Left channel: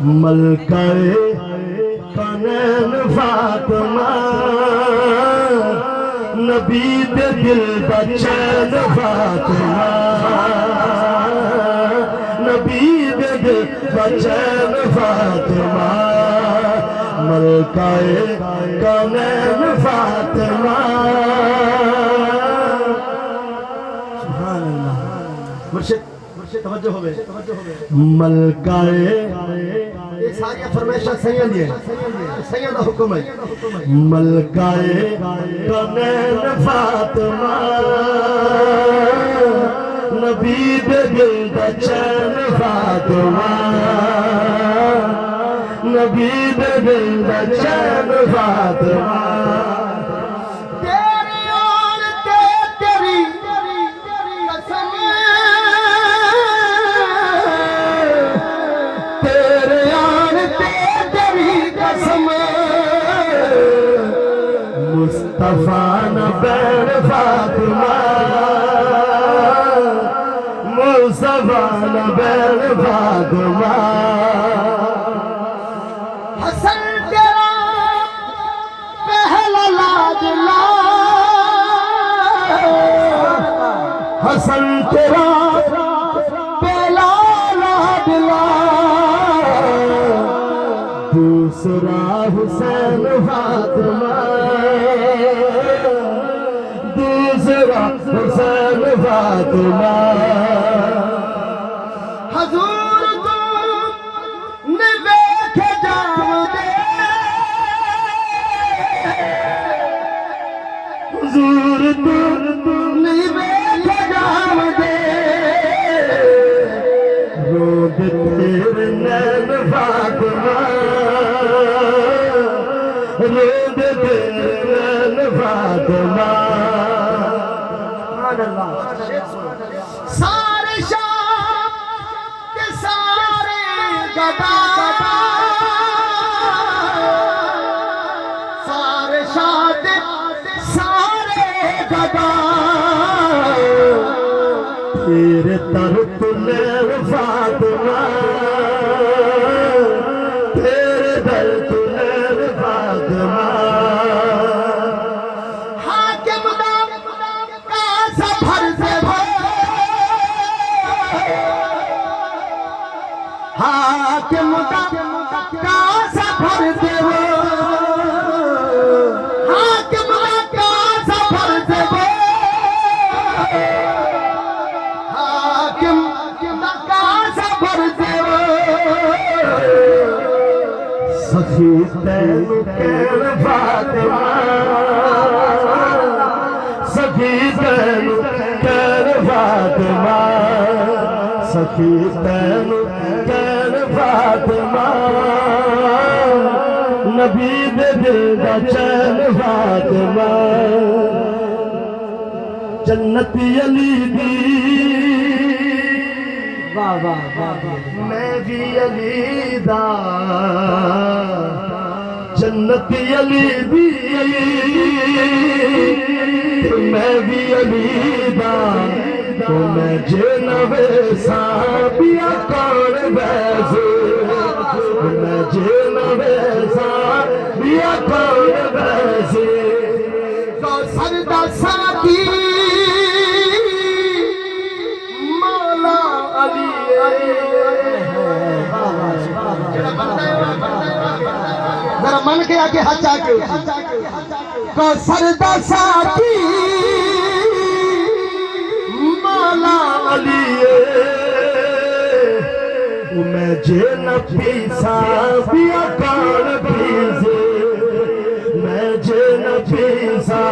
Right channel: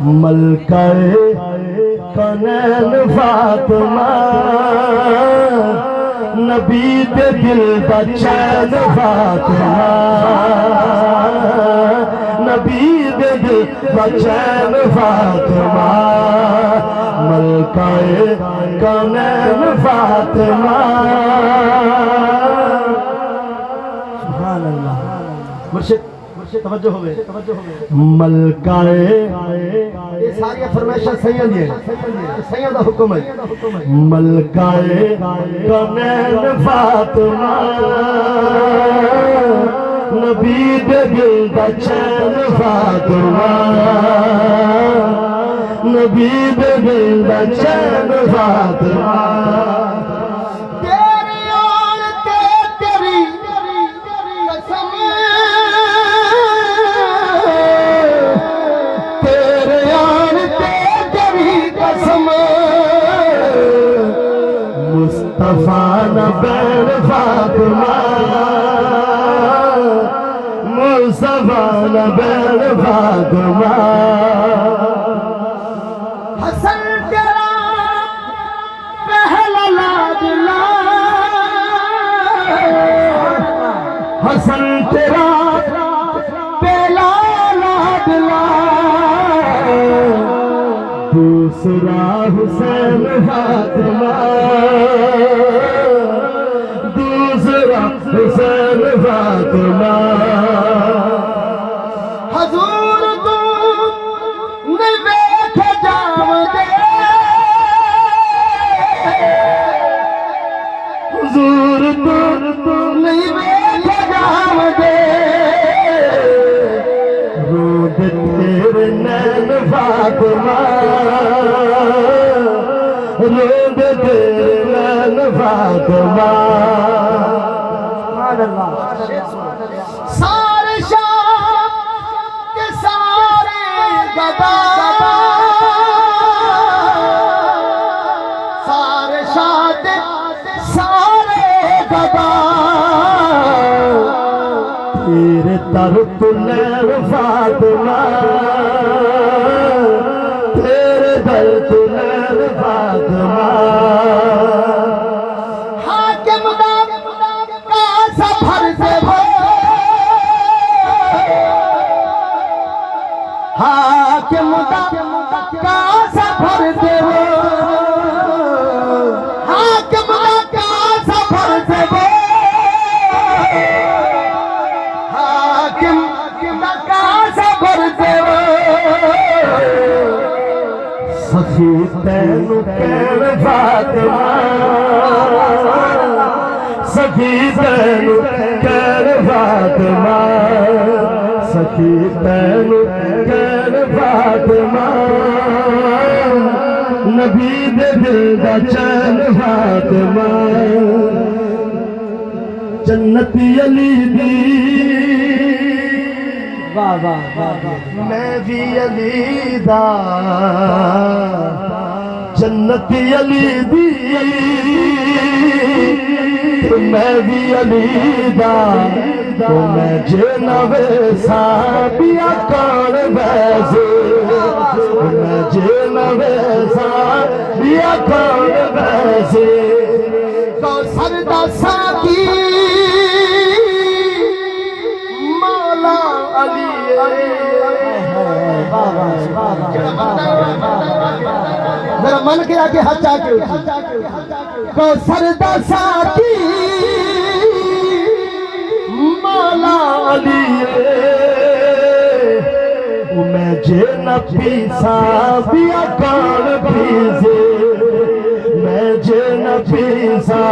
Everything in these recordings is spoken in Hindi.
मलकाए कौनैन फातिमा नबी दे दिल दा चैन फातिमा नबी दे दिल दा चैन फातिमा मलकाए कौनैन फातिमा। सुभान अल्लाह। मुर्शिद तवज्जो हो गए। मलकाए ये सारी फरमाइशां सैयद है, सैयद का हुक्म है। मलकाए कौनैन फातिमा नबी दे दिल दा चैन फातिमा नबी दे दिल दा चैन फातिमा। मुस्तफा न बैन फातिमा मुस्तफा न बैन फातिमा। हसन तेरा पहला लाडला हसन तेरा पहला लाडला दूसरा हुसैन फातिमा दूसरा हुसैन फातिमा। हजूर तू निवेख जावदे हुजूर तू निवेख जावदे रोद तेरे नैन फातिमा रोद तेरे नैन फातिमा। सारे शाम के सारे गदा सारे शाद सारे गदा तेरे तर तुलैन फातिमा तेरे दर तुलैन फातिमा। हाकिम दा ऐसा भर दे वो हाकिम दा ऐसा भर दे वो हाकिम दा ऐसा भर दे वो हाकिम दा ऐसा भर दे वो। सखी तैनू कैन फातिमा सखी तैनू कैन फातिमा सखी तैनू कैन फातिमा नबी दे दिल दा चैन फातिमा। जन्नती अली दी वाह वाह वाह मैं भी अली दा जन्नती अली दी मैं भी अली दा तो मैं जे नवे साबिया कौन वैसे मैं जे नवे साबिया कौन वैसे। तो सरदा साकी मौला अली मेरा मन गया कि हाथ आके तो सरदा साकी मौला अली मैं जे न पीसा बिया कौन पीसे मैं जे न पीसा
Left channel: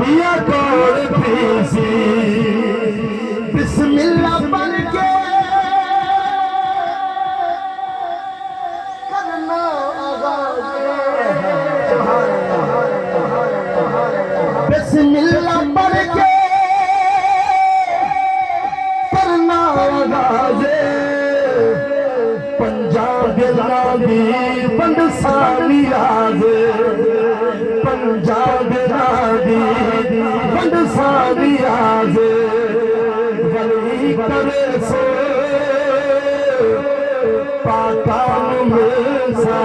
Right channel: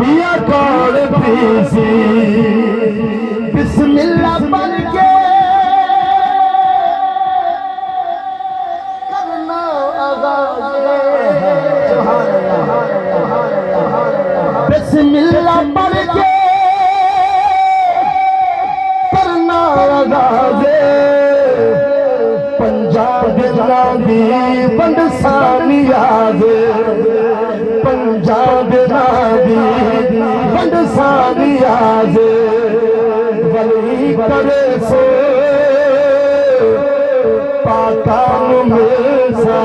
बिया कौन पीसी। बिस्मिल्लाह पढ़ के करना आगाज़ बिस्मिल्लाह पढ़ के करना आगाज़ पंजाब नादी बंद सालियाज पंजाब नादी बंद सालियाज वली करे सो पाका मिलसा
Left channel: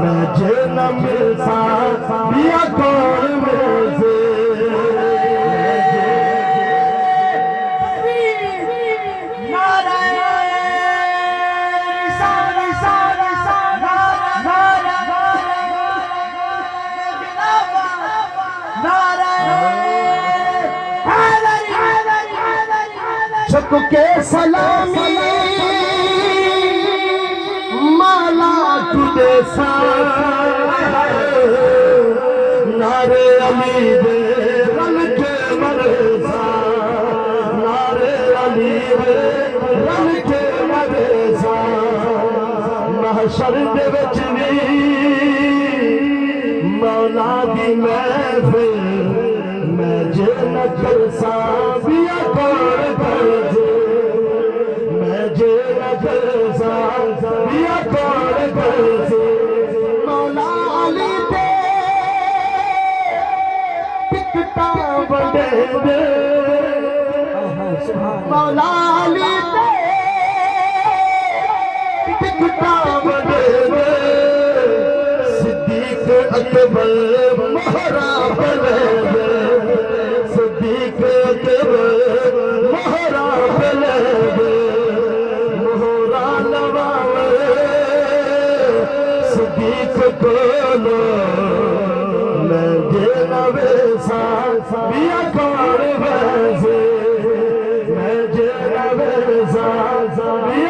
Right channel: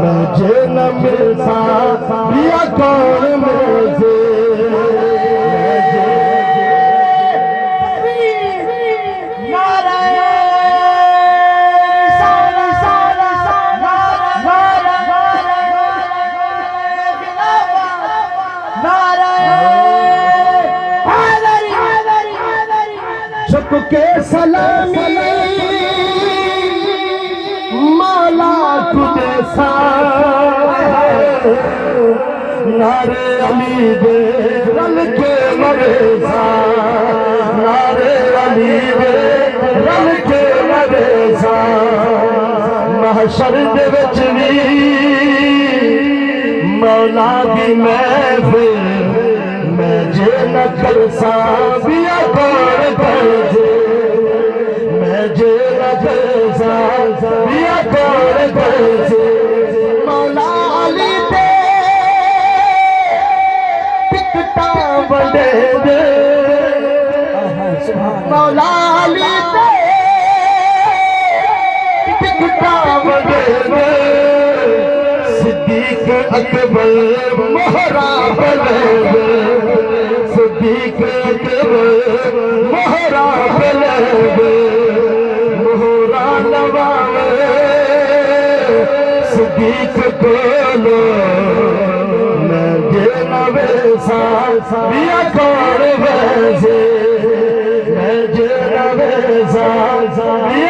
मैं जे न मिलसा बिया कौन मिलसे झुक के सलामी माला तुझे सा नारे अली दे रंग के मरेसा नारे अली दे रंग के मरेसा महशर दे विच वी मौला दी महफिल मैं जे न करसा बिया कौन करजे मैं जे न करसा बिया कौन करजे मौला अली दे टिकटा बड़े दे मौला अली दे टिकटा बड़े दे सिद्दीक अकबर मोहरा बने दे सिद्दीक अकबर मोहरा बने दे मोहरा नवावे सिद्दीक बोलो मैं जे नवेसा बिया कौन वैसे मैं जे नवेसा बिया